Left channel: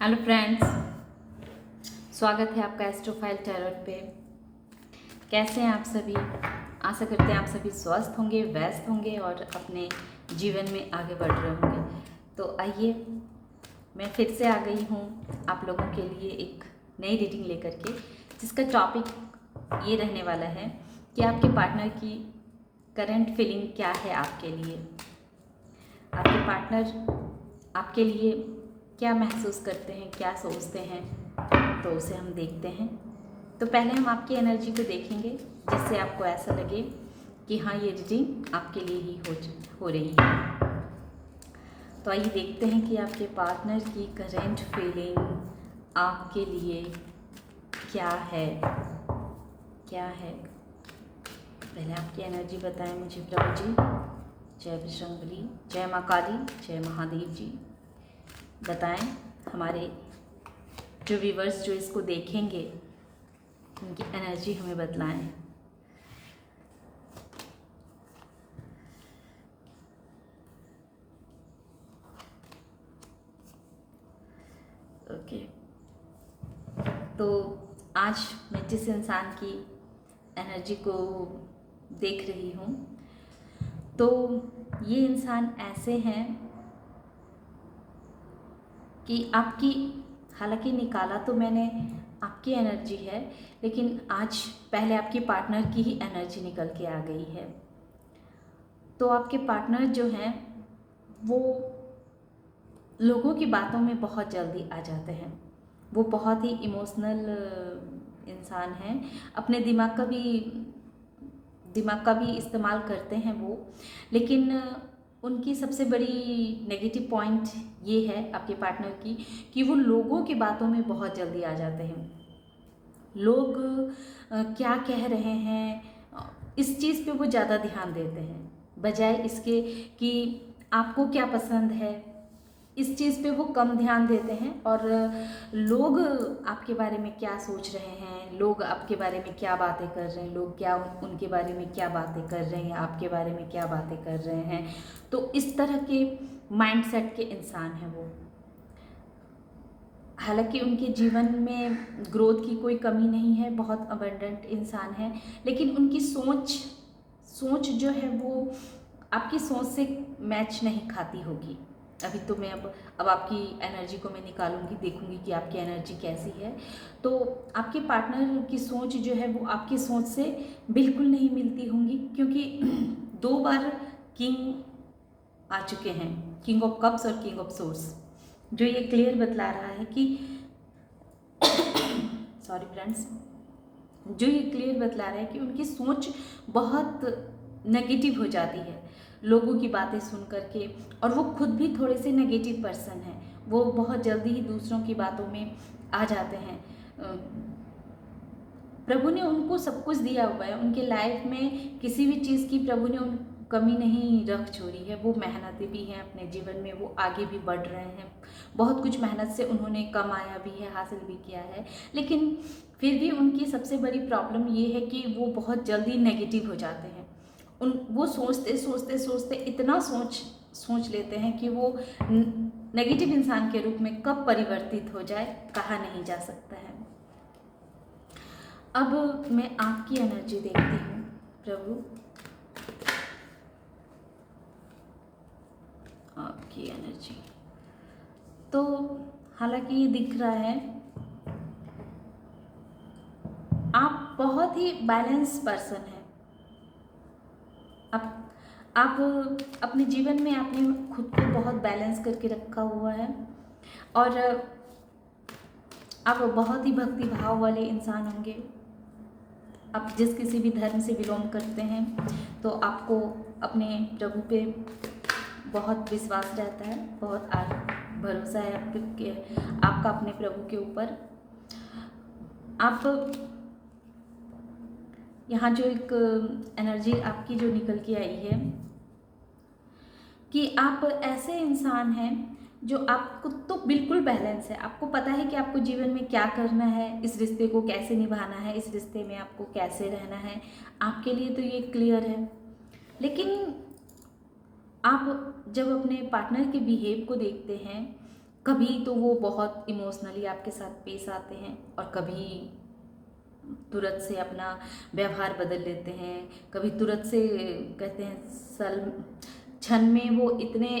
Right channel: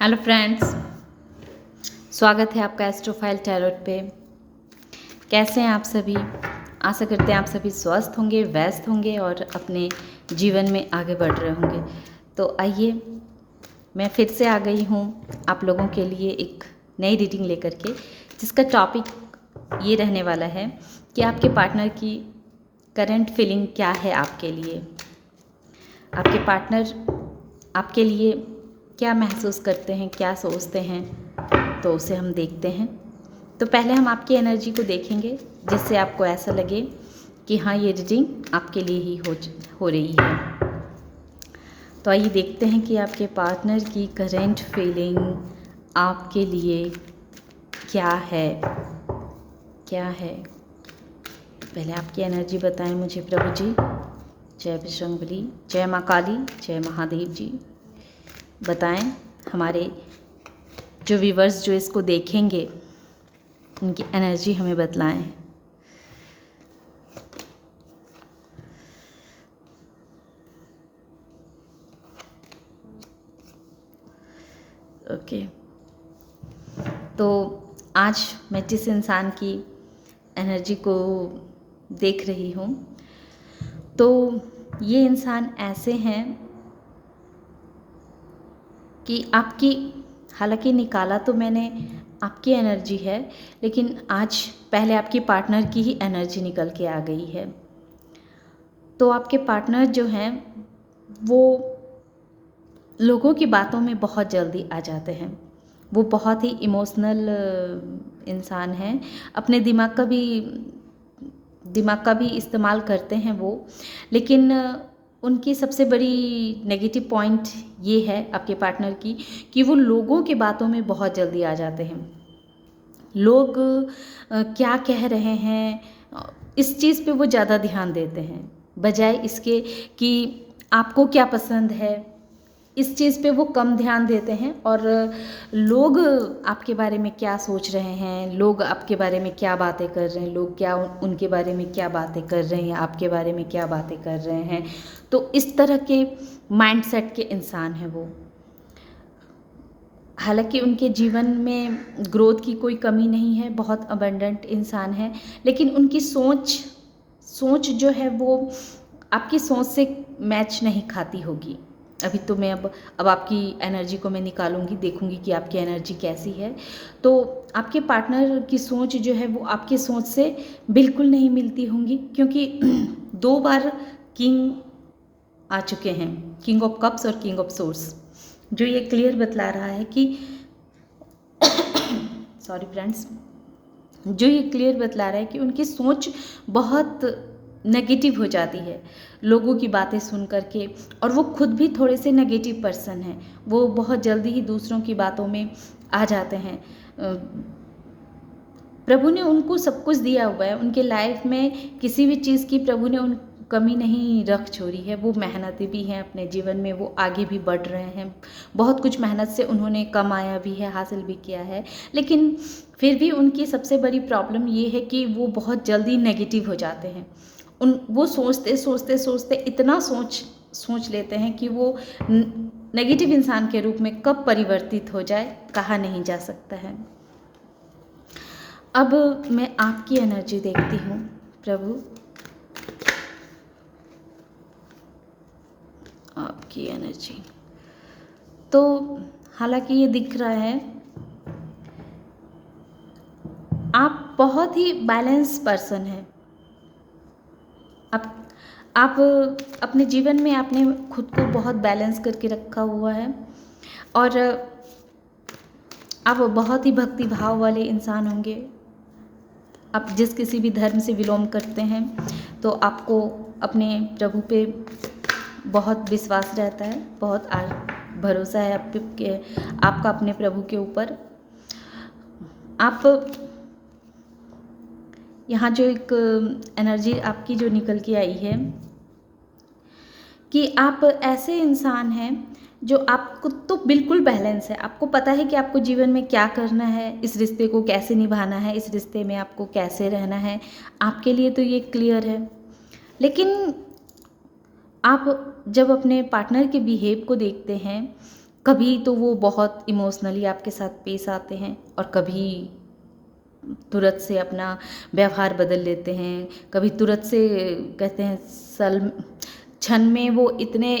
Hello friends, स्वागत है आपका एस्ट्रोफाइल टैरोट पे। कैसे हैं आप सभी? आशा करते हैं आप सभी स्वस्थ होंगे, व्यस्त होंगे और अपने जीवन में आगे बढ़ रहे होंगे। तो आइए, मैं फिर से आ गई हूँ आप लोगों के लिए एक नई रीडिंग लेकर के, जिसका टॉपिक ये रहने वाला है कि आपके पार्टनर की करंट फीलिंग क्या है आपके लिए। आपके पार्टनर आपके लिए क्या महसूस करते हैं, क्या सोचते हैं, तो उसे हम देखते हैं। तो पहले हम आपकी एनर्जी को देखेंगे, जिससे आपको ऐसा लगे कि हाँ, ये रीडिंग आपके लिए ही हो रही है। तो आइए देखते हैं कि आपके पार्टनर की करंट फीलिंग आपके लिए क्या है। पहले आपकी एनर्जी बताएं मुझे प्रभु जी। जय बजरंगबली, जय माँ काली, जय महादेव जी। बताएं हमारे जो व्यूवर्स जो इसको देखेंगे, उनकी एनर्जी हमें बतलाएं। ओके, तो आज मैं जिस इंसान की एनर्जी को देख रही हूँ, तो ये इंसान ऐसे हैं कि आपकी, हालांकि निकाला तो मैंने आपकी एनर्जी है, लेकिन आज पहले आपकी पार्टनर की ही एनर्जी निकल के आ गई है। तो आपके पार्टनर जो हैं वो लोगों की बातों में बहुत जल्दी आ जाते हैं। वो बहुत ही इमोशनल इंसान हैं। अपने दिमाग का भी इस्तेमाल करते हैं वो, लेकिन उनकी सबसे बड़ी नेगेटिव पॉइंट ये है आपके पार्टनर की कि वो लोगों की बातों में बहुत जल्दी आ जाते हैं। लोग क्या कह रहे हैं, इस चीज़ पे वो ज़्यादा ध्यान देते हैं, बजाय इसके कि आपको क्या पसंद है, इस चीज़ पे वो कम ध्यान देते हैं। और लोग आपके बारे में क्या सोच रहे हैं, लोग आपके बारे में क्या बातें कर रहे हैं, लोग क्या उनके बारे में क्या बातें कर रहे हैं, आपके बारे में क्या बातें कर रहे हैं, तो इस तरह के माइंडसेट के इंसान हैं वो। हालांकि उनके जीवन में ग्रोथ की कोई कमी नहीं है, बहुत अबंडेंट इंसान है, लेकिन उनकी सोच जो है वो आपकी सोच से मैच नहीं खाती होगी। अभी तो मैं अब आपकी एनर्जी को मैं निकालूंगी, देखूंगी कि आपकी एनर्जी कैसी है। तो आपके पार्टनर की सोच जो है वो आपकी सोच से बिल्कुल नहीं मिलती होंगी, क्योंकि 2 बार किंग आ चुके हैं, किंग ऑफ कप्स और किंग ऑफ सोर्स, जो ये क्लियर बतला रहा है कि सॉरी फ्रेंड्स, जो ये क्लियर बतला रहा है कि उनकी सोच बहुत नेगेटिव हो जाती है लोगों की बातें सुन करके। और वो खुद भी थोड़े से नेगेटिव पर्सन हैं, वो बहुत जल्दी ही दूसरों की बातों में आ जाते हैं। प्रभु ने उनको सब कुछ दिया हुआ है, उनके लाइफ में किसी भी चीज़ की प्रभु ने उन कमी नहीं रख छोड़ी है। वो मेहनती भी हैं, अपने जीवन में वो आगे भी बढ़ रहे हैं, बहुत कुछ मेहनत से उन्होंने कमाया भी है, हासिल भी किया है। लेकिन फिर भी उनकी सबसे बड़ी प्रॉब्लम ये है कि वो बहुत जल्दी नेगेटिव हो जाते हैं। वो सोचते सोचते सोचते इतना सोच लेते हैं कि वो नेगेटिव इंसान के रूप में कब परिवर्तित हो जाए, कहा नहीं जा सकता है। अब मैं आपकी एनर्जी देखती हूँ प्रभु, आपकी एनर्जी। तो हालांकि ये दिख रहा है आप बहुत ही बैलेंस पर्सन हैं। आप अपने जीवन में आपने खुद को बहुत बैलेंस करके रखा हुआ है, और आप बहुत ही भक्ति भाव वाले इंसान होंगे। आप जिस किसी भी धर्म से बिलोंग करते हैं तो आपको अपने प्रभु पे बहुत विश्वास रहता है, बहुत भरोसा है आपका अपने प्रभु के ऊपर। आप यहाँ जो एक एनर्जी आपकी जो निकल के आई है कि आप ऐसे इंसान हैं जो आपको तो बिल्कुल बैलेंस है, आपको पता है कि आपको जीवन में क्या करना है, इस रिश्ते को कैसे निभाना है, इस रिश्ते में आपको कैसे रहना है, आपके लिए तो ये क्लियर है। लेकिन आप जब अपने पार्टनर के बिहेव को देखते हैं कभी तो वो बहुत इमोशनली आपके साथ पेश आते हैं और कभी तुरंत से अपना व्यवहार बदल लेते हैं, कभी तुरंत से कहते हैं सल क्षण में वो इतने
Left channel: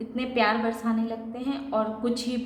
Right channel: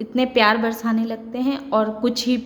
इतने प्यार बरसाने लगते हैं और कुछ ही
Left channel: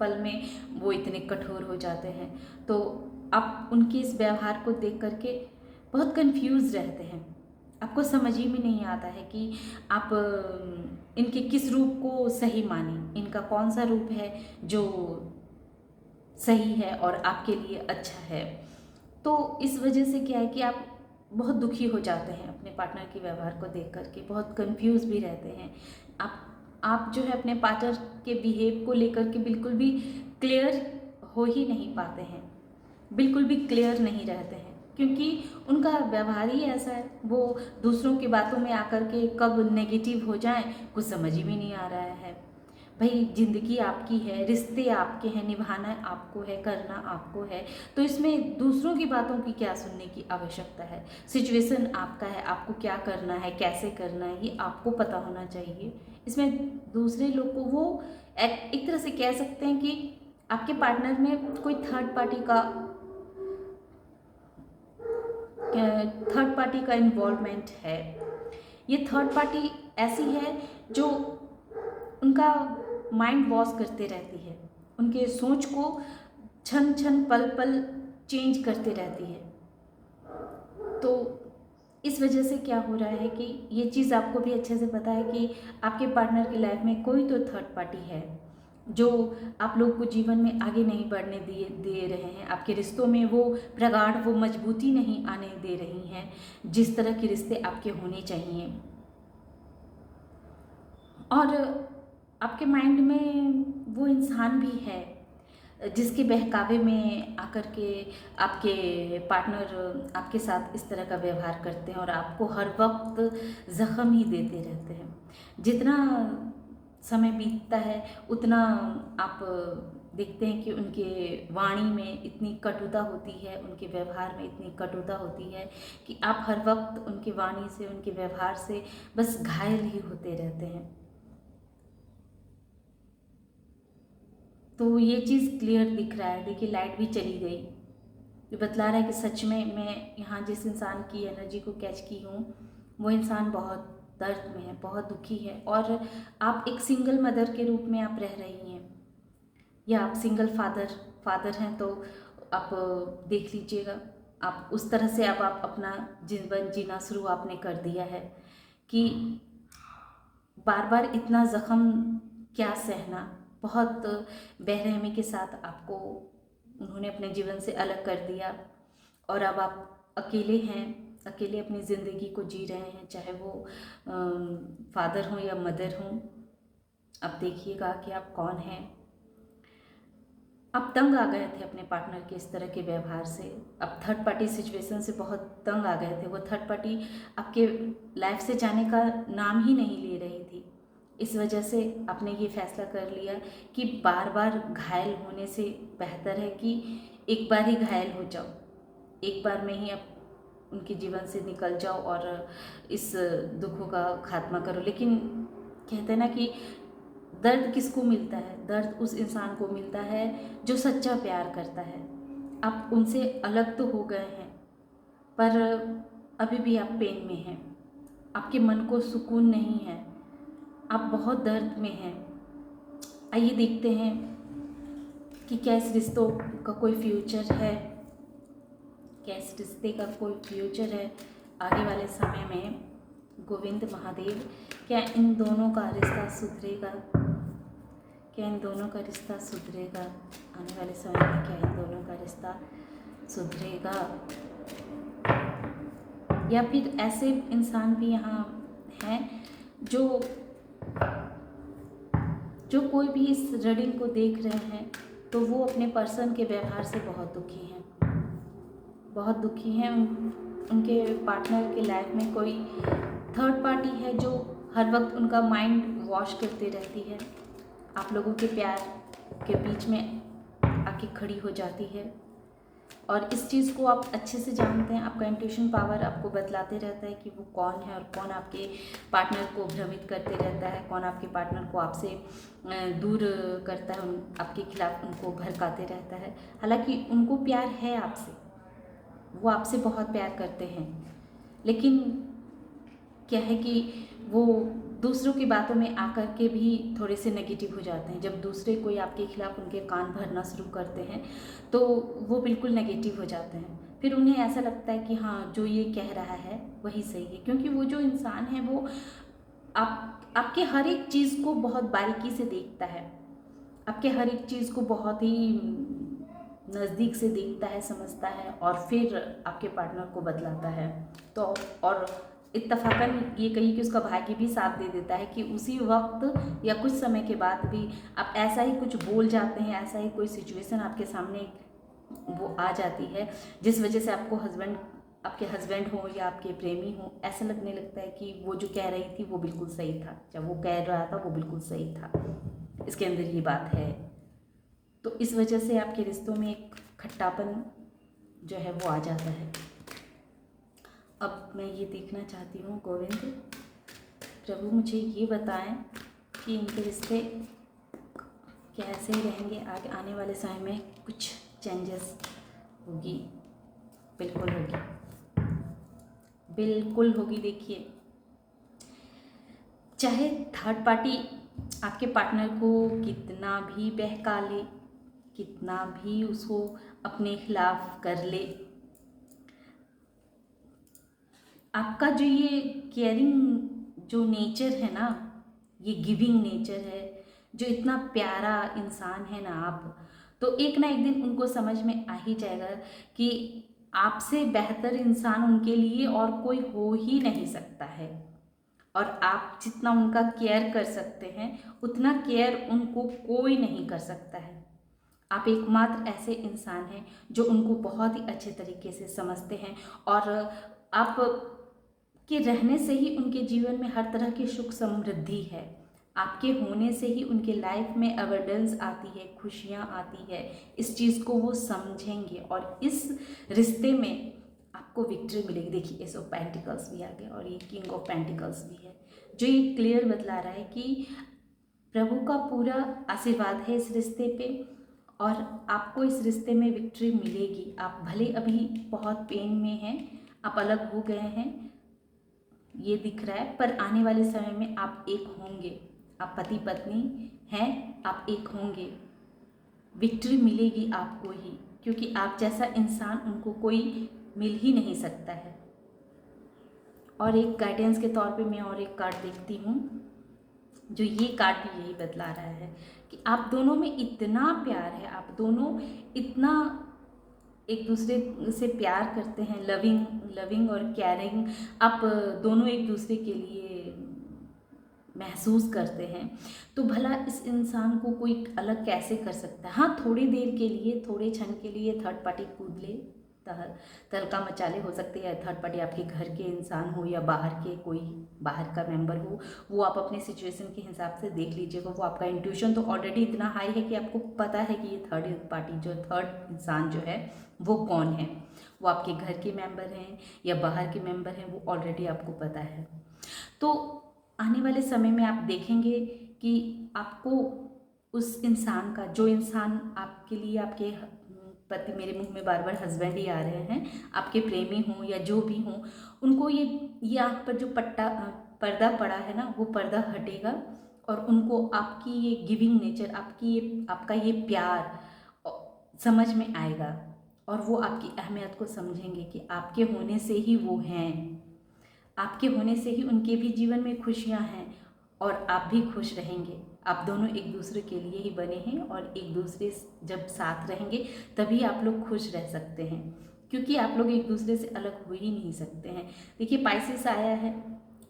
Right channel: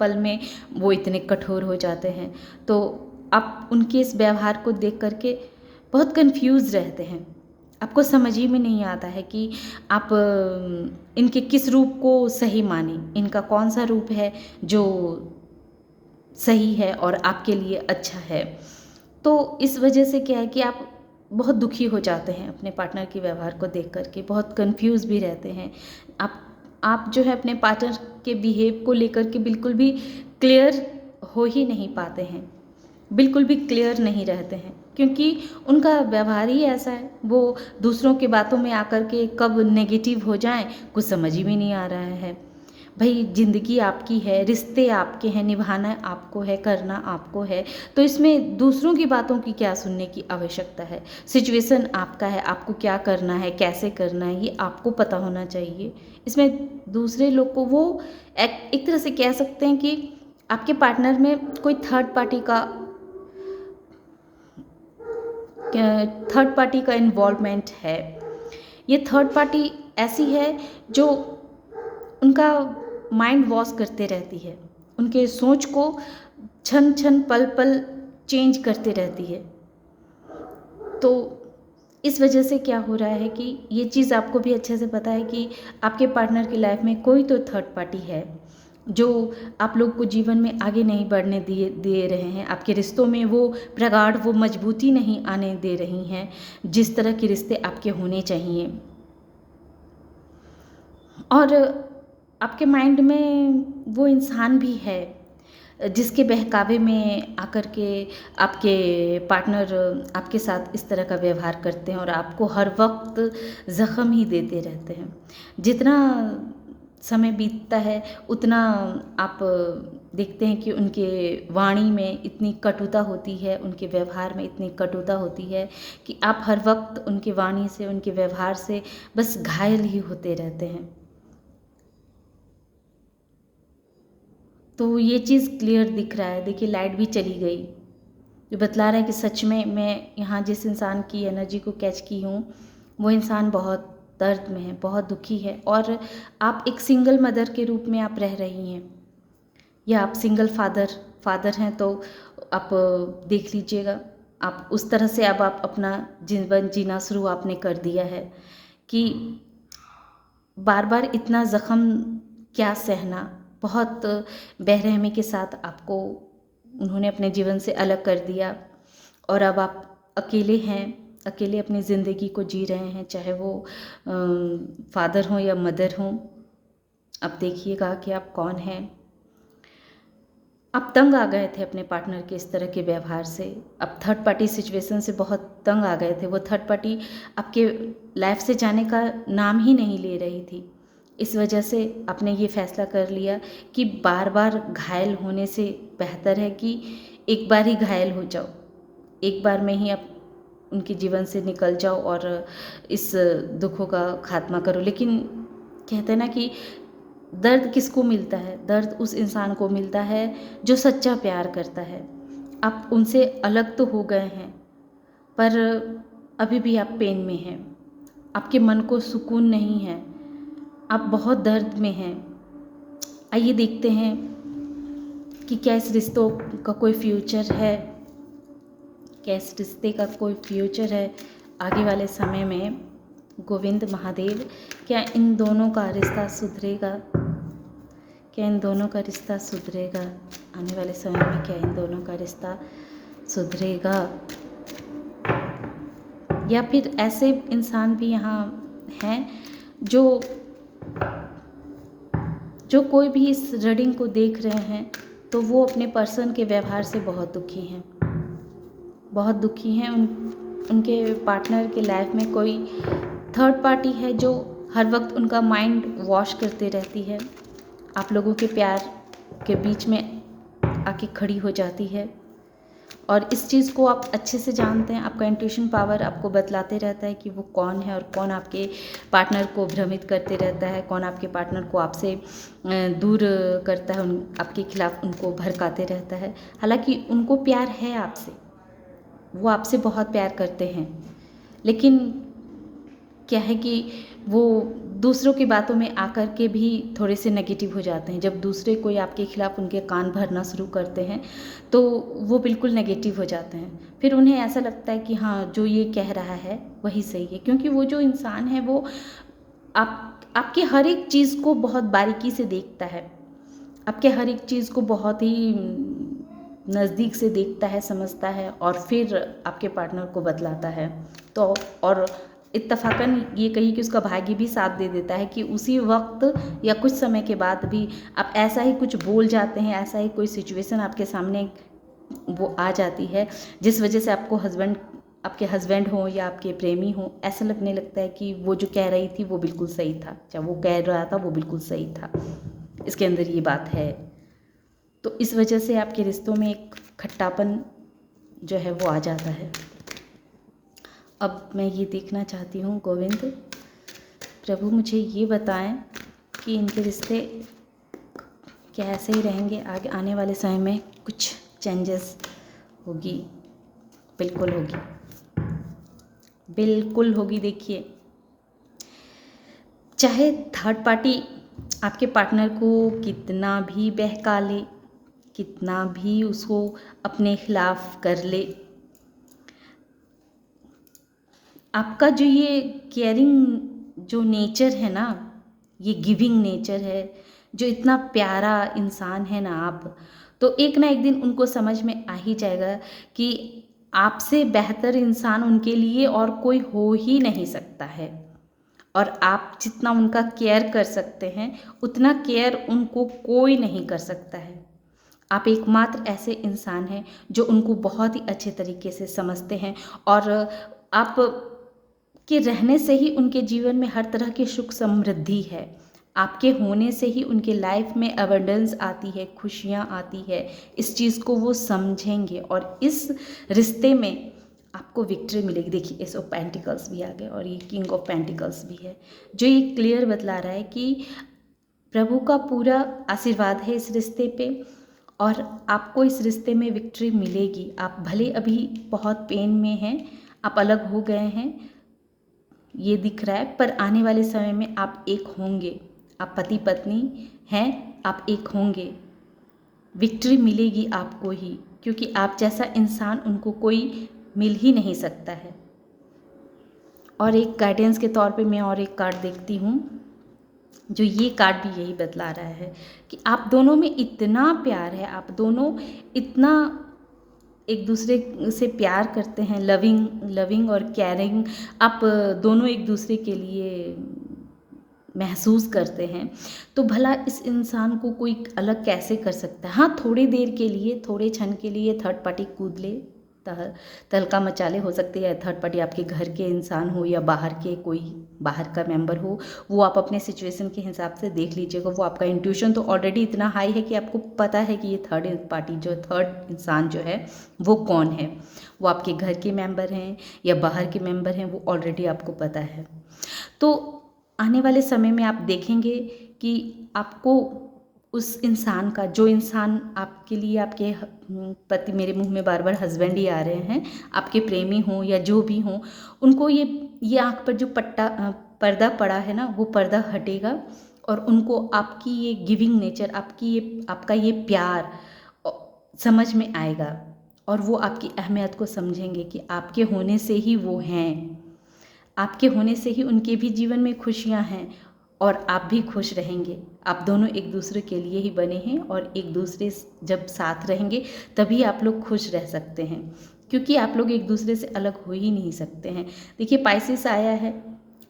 पल में वो इतने कठोर हो जाते हैं। तो आप उनके इस व्यवहार को देख करके बहुत कंफ्यूज रहते हैं। आपको समझ ही में नहीं आता है कि आप इनके किस रूप को सही माने, इनका कौन सा रूप है जो सही है और आपके लिए अच्छा है। तो इस वजह से क्या है कि आप बहुत दुखी हो जाते हैं अपने पार्टनर के व्यवहार को देख कर के, बहुत कंफ्यूज भी रहते हैं। आप जो है अपने पार्टनर के बिहेव को लेकर के बिल्कुल भी क्लियर हो ही नहीं पाते हैं, बिल्कुल भी क्लियर नहीं रहते हैं, क्योंकि उनका व्यवहार ही ऐसा है। वो दूसरों की बातों में आकर के कब नेगेटिव हो जाएं कुछ समझ ही में नहीं आ रहा है। भाई ज़िंदगी आपकी है, रिश्ते आपके हैं, निभाना आपको है, करना आपको है, तो इसमें दूसरों की बातों की क्या सुनने की आवश्यकता है। सिचुएशन आपका है, आपको क्या करना है, कैसे करना है, ये आपको पता होना चाहिए। इसमें दूसरे लोग को वो एक तरह से कह सकते हैं कि आपके पार्टनर में कोई थर्ड पार्टी का इन्वॉल्वमेंट है। ये थर्ड पार्टी ऐसी है जो उनका माइंड वॉश करते रहती है, उनके सोच को क्षण क्षण पल पल चेंज करते रहती है। तो इस वजह से क्या हो रहा है कि ये चीज़ आपको भी अच्छे से पता है कि आपके पार्टनर की लाइफ में कोई तो थर्ड पार्टी है जो आप लोग को जीवन में आगे नहीं बढ़ने दे रहे हैं। आपके रिश्तों में वो प्रगाढ़, वो मजबूती नहीं आने दे रही हैं जिस तरह के रिश्ते आपके होने चाहिए। और आपके माइंड में वो इंसान भी है जिसके बहकावे में आकर के आपके पार्टनर आपके साथ इस तरह का व्यवहार करते हैं और आपको हर वक्त ज़ख्म ही देते रहते हैं। जितना समय बीतता है उतना आप देखते हैं कि उनके वाणी में इतनी कटुता होती है, उनके व्यवहार में इतनी कटुता होती है कि आप हर वक्त उनकी वाणी से, उनके व्यवहार से बस घायल ही होते रहते हैं। तो ये चीज़ क्लियर दिख रहा है। देखिए लाइट भी चली गई, जो बतला रहा है कि सच में मैं यहाँ जिस इंसान की एनर्जी को कैच की हूँ वो इंसान बहुत दर्द में है, बहुत दुखी है। और आप एक सिंगल मदर के रूप में आप रह रही हैं, या आप सिंगल फादर हैं, तो आप देख लीजिएगा। आप उस तरह से अब आप अपना जीवन जीना शुरू आपने कर दिया है कि बार बार इतना ज़ख्म क्या सहना। बहुत बेरहमी के साथ आपको उन्होंने अपने जीवन से अलग कर दिया और अब आप अकेले हैं, अकेले अपनी ज़िंदगी को जी रहे हैं, चाहे वो फादर हों या मदर हों। अब देखिएगा कि आप कौन हैं। आप तंग आ गए थे अपने पार्टनर के इस तरह के व्यवहार से, अब थर्ड पार्टी सिचुएशन से बहुत तंग आ गए थे। वो थर्ड पार्टी आपके लाइफ से जाने का नाम ही नहीं ले रही थी। इस वजह से आपने ये फैसला कर लिया कि बार बार घायल होने से बेहतर है कि एक बार ही घायल हो जाओ, एक बार में ही आप उनके जीवन से निकल जाओ और इस दुखों का खात्मा करो। लेकिन कहते हैं ना कि दर्द किसको मिलता है? दर्द उस इंसान को मिलता है जो सच्चा प्यार करता है। आप उनसे अलग तो हो गए हैं पर अभी भी आप पेन में हैं, आपके मन को सुकून नहीं है, आप बहुत दर्द में हैं। आइए देखते हैं कि क्या इस रिश्तों का कोई फ्यूचर है, क्या इस रिश्ते का कोई फ्यूचर है आगे वाले समय में। गोविंद महादेव, क्या इन दोनों का रिश्ता सुधरेगा? क्या इन दोनों का रिश्ता सुधरेगा आने वाले समय में? क्या इन दोनों का रिश्ता सुधरेगा? या फिर ऐसे इंसान भी यहाँ हैं जो कोई भी इस रीडिंग को देख रहे हैं तो वो अपने पर्सन के व्यवहार से बहुत दुखी हैं, बहुत दुखी हैं। उनके पार्टनर के लाइफ में कोई थर्ड पार्टी है जो हर वक्त उनका माइंड वॉश करते रहती है, आप लोगों के प्यार के बीच में आके खड़ी हो जाती है। और इस चीज़ को आप अच्छे से जानते हैं। आपका इंट्यूशन पावर आपको बतलाते रहता है कि वो कौन है और कौन आपके पार्टनर को भ्रमित करते रहता है, कौन आपके पार्टनर को आपसे दूर करता है, आपके खिलाफ उनको भड़काते रहता है। हालांकि उनको प्यार है आपसे, वो आपसे बहुत प्यार करते हैं, लेकिन क्या है कि वो दूसरों की बातों में आकर के भी थोड़े से नेगेटिव हो जाते हैं। जब दूसरे कोई आपके खिलाफ उनके कान भरना शुरू करते हैं तो वो बिल्कुल नेगेटिव हो जाते हैं। फिर उन्हें ऐसा लगता है कि हाँ, जो ये कह रहा है वही सही है, क्योंकि वो जो इंसान है वो आपके हर एक चीज़ को बहुत बारीकी से देखता है, आपके हर एक चीज़ को बहुत ही नज़दीक से देखता है, समझता है और फिर आपके पार्टनर को बतलाता है। तो और इत्तफ़ाक़न ये कहिए कि उसका भाग्य भी साथ दे देता है कि उसी वक्त या कुछ समय के बाद भी आप ऐसा ही कुछ बोल जाते हैं, ऐसा ही कोई सिचुएशन आपके सामने वो आ जाती है जिस वजह से आपके हस्बैंड हो या आपके प्रेमी हो, ऐसा लगने लगता है कि वो जो कह रही थी वो बिल्कुल सही था, या वो कह रहा था वो बिल्कुल सही था, इसके अंदर ये बात है। तो इस वजह से आपके रिश्तों में एक खट्टापन जो है वो आ जाता है। अब मैं ये देखना चाहती हूँ, गोविंद प्रभु मुझे ये बताएं कि इनके रिश्ते कैसे ही रहेंगे आगे आने वाले समय में। कुछ चेंजेस होगी, बिल्कुल होगी, बिल्कुल होगी। देखिए, चाहे थर्ड पार्टी आपके पार्टनर को कितना भी बहका ले, कितना भी उसको अपने खिलाफ कर ले, आपका जो ये केयरिंग जो नेचर है ना, ये गिविंग नेचर है, जो इतना प्यारा इंसान है ना आप, तो एक ना एक दिन उनको समझ में आ ही जाएगा कि आपसे बेहतर इंसान उनके लिए और कोई हो ही नहीं सकता है। और आप जितना उनका केयर कर सकते हैं उतना केयर उनको कोई नहीं कर सकता है। आप एकमात्र ऐसे इंसान हैं जो उनको बहुत ही अच्छे तरीके से समझते हैं, और आप के रहने से ही उनके जीवन में हर तरह की सुख समृद्धि है। आपके होने से ही उनके लाइफ में अबंडेंस आती है, खुशियाँ आती है। इस चीज़ को वो समझेंगे और इस रिश्ते में आपको विक्ट्री मिलेगी। देखिए, एस ऑफ पेंटिकल्स भी आ गए और ये किंग ऑफ पेंटिकल्स भी है, जो ये क्लियर बतला रहा है कि प्रभु का पूरा आशीर्वाद है इस रिश्ते पे और आपको इस रिश्ते में विक्ट्री मिलेगी। आप भले अभी बहुत पेन में हैं, आप अलग हो गए हैं, ये दिख रहा है, पर आने वाले समय में आप एक होंगे। आप पति पत्नी हैं, आप एक होंगे, विक्ट्री मिलेगी आपको ही, क्योंकि आप जैसा इंसान उनको कोई मिल ही नहीं सकता है। और एक गाइडेंस के तौर पे मैं और एक कार्ड देखती हूँ, जो ये कार्ड भी यही बतला रहा है कि आप दोनों में इतना प्यार है, आप दोनों इतना एक दूसरे से प्यार करते हैं, लविंग और केयरिंग आप दोनों एक दूसरे के लिए महसूस करते हैं। तो भला इस इंसान को कोई अलग कैसे कर सकता है। हाँ, थोड़ी देर के लिए, थोड़े क्षण के लिए थर्ड पार्टी कूद ले, तहलका मचाले, हो सकती है थर्ड पार्टी आपके घर के इंसान हो या बाहर के कोई बाहर का मेंबर हो, वो आप अपने सिचुएशन के हिसाब से देख लीजिएगा। वो आपका इंट्यूशन तो ऑलरेडी इतना हाई है कि आपको पता है कि ये थर्ड पार्टी जो थर्ड इंसान जो है वो कौन है। वो आपके घर के मेंबर हैं या बाहर के मेंबर हैं, वो ऑलरेडी आपको पता है। तो आने वाले समय में आप देखेंगे कि आपको उस इंसान का, जो इंसान आपके लिए, आपके पति, मेरे मुंह में बार बार हस्बैंड ही आ रहे हैं, आपके प्रेमी हों या जो भी हों, उनको ये आँख पर जो पर्दा पड़ा है ना, वो पर्दा हटेगा और उनको आपकी ये गिविंग नेचर, आपका ये प्यार समझ में आएगा और वो आपकी अहमियत को समझेंगे कि आपके होने से ही वो हैं, आपके होने से ही उनके भी जीवन में खुशियाँ हैं और आप भी खुश रहेंगे। आप दोनों एक दूसरे के लिए ही बने हैं और एक दूसरे जब साथ रहेंगे तभी आप लोग खुश रह सकते हैं, क्योंकि आप लोग एक दूसरे से अलग हो ही नहीं सकते हैं। देखिए, पाइसिस आया है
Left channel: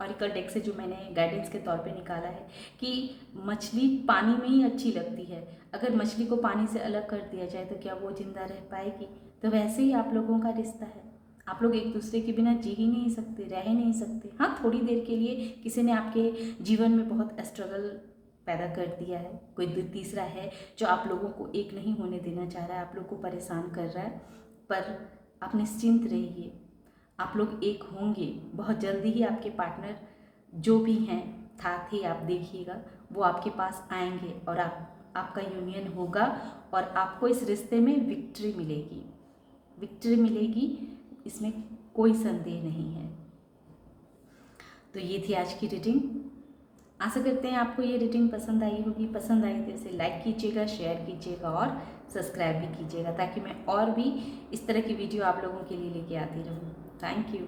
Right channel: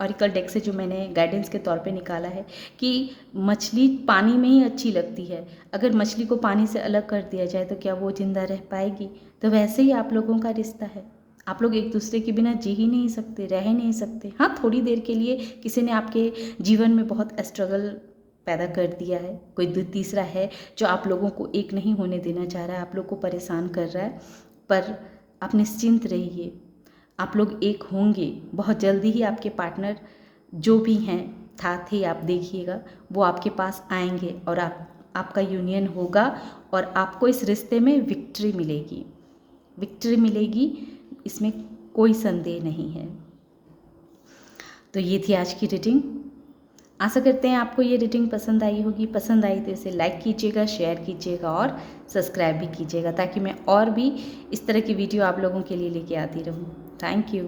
ऑरिकल डेक से, जो मैंने गाइडेंस के तौर पे निकाला है कि मछली पानी में ही अच्छी लगती है। अगर मछली को पानी से अलग कर दिया जाए तो क्या वो जिंदा रह पाएगी? तो वैसे ही आप लोगों का रिश्ता है, आप लोग एक दूसरे के बिना जी ही नहीं सकते, रह ही नहीं सकते। हाँ, थोड़ी देर के लिए किसी ने आपके जीवन में बहुत स्ट्रगल पैदा कर दिया है, कोई तीसरा है जो आप लोगों को एक नहीं होने देना चाह रहा है, आप लोग को परेशान कर रहा है, पर आप निश्चिंत रहिए, आप लोग एक होंगे। बहुत जल्दी ही आपके पार्टनर जो भी हैं साथ ही आप देखिएगा वो आपके पास आएंगे और आपका यूनियन होगा और आपको इस रिश्ते में विक्ट्री मिलेगी, विक्ट्री मिलेगी, इसमें कोई संदेह नहीं है। तो ये थी आज की रीडिंग। आशा करते हैं आपको ये रीडिंग पसंद आई होगी। पसंद आई तो इसे लाइक कीजिएगा, शेयर कीजिएगा और सब्सक्राइब भी कीजिएगा, ताकि मैं और भी इस तरह की वीडियो आप लोगों के लिए लेके आती रहूँ। Thank you.